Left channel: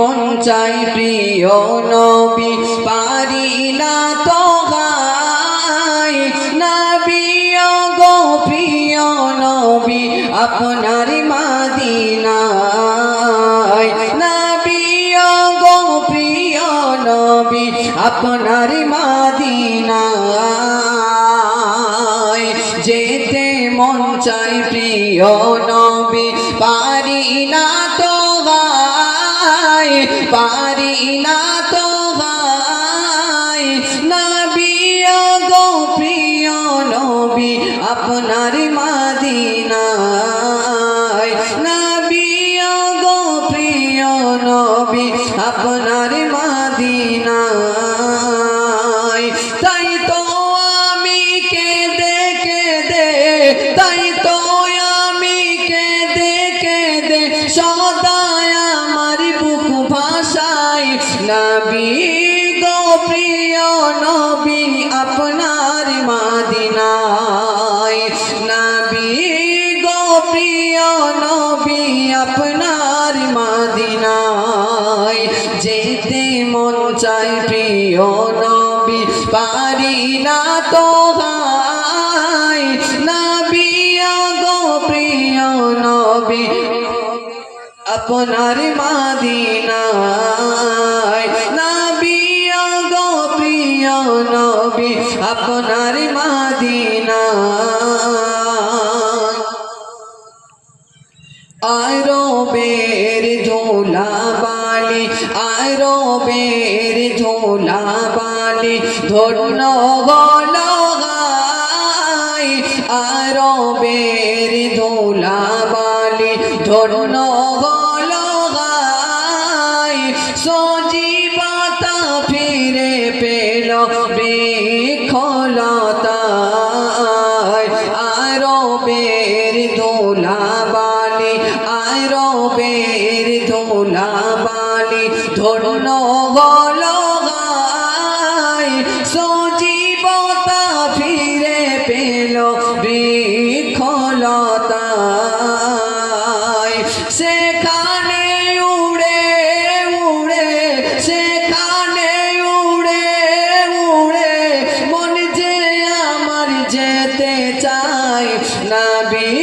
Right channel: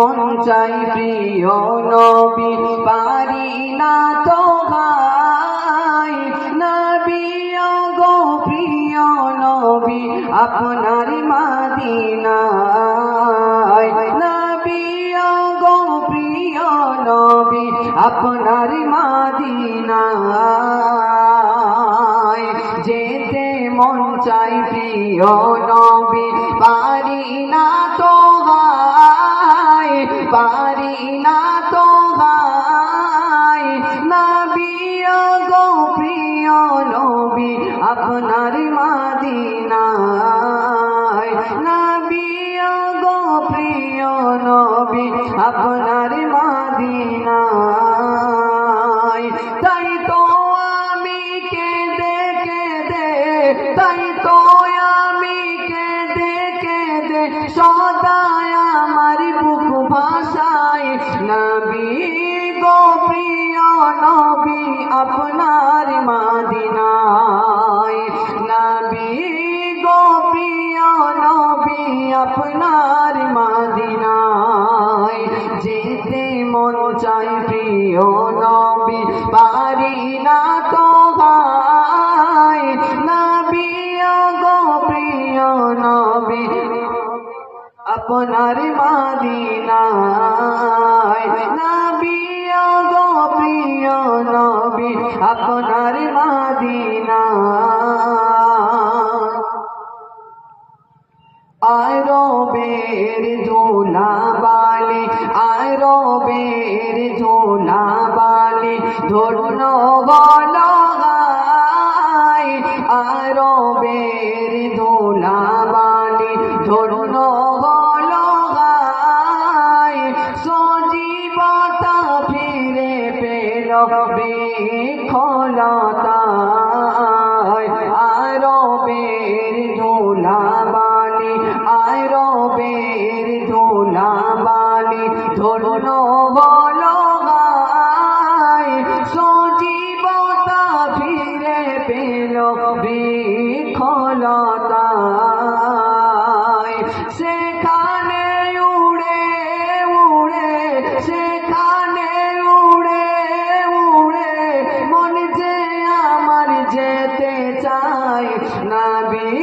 মন চাই প্রিয় নবী পারি না তো গাই নবী গো প্রিয় নবী আপনার মদিনায় নবী গো প্রিয় নবী আপনার মদিনায় যেতে মন চাই প্রিয় নবী পারি না তো গাই পারি না তো গাই নবী গো প্রিয় নবী আপনার মদিনায় নবী গো প্রিয় নবী আপনার মদিনায় তাই তো আমি কেঁদে কেঁদে তাই তো আমি কেঁদে কেঁদে সদায় আমার বুক ভাষায় নবী গো প্রিয় নবী আপনার মদিনায় নবী গো প্রিয় নবী আপনার মদিনায় যেতে মন চাই প্রিয় নবী পারি না তো গাই নবী গো প্রিয় নবী আপনার মদিনায় নবী গো প্রিয় নবী আপনার মদিনায় আরবের ঝোলা বালি আরবের ঝোলা বালি ধন্য গল গাই আরবের ঝোলা বালি ধন্য গল গাই সজীবতা ফিরে পেল বৃক্ষলতায় আরবের ঝোলা বালি আরবের ঝোলা বালি ধন্য গল গাই সজীবতা ফিরে পেল বৃক্ষলতায় সেখানে উড়ে উড়ে সেখানে উড়ে উড়ে মন যে আমার যেতে চায় নবী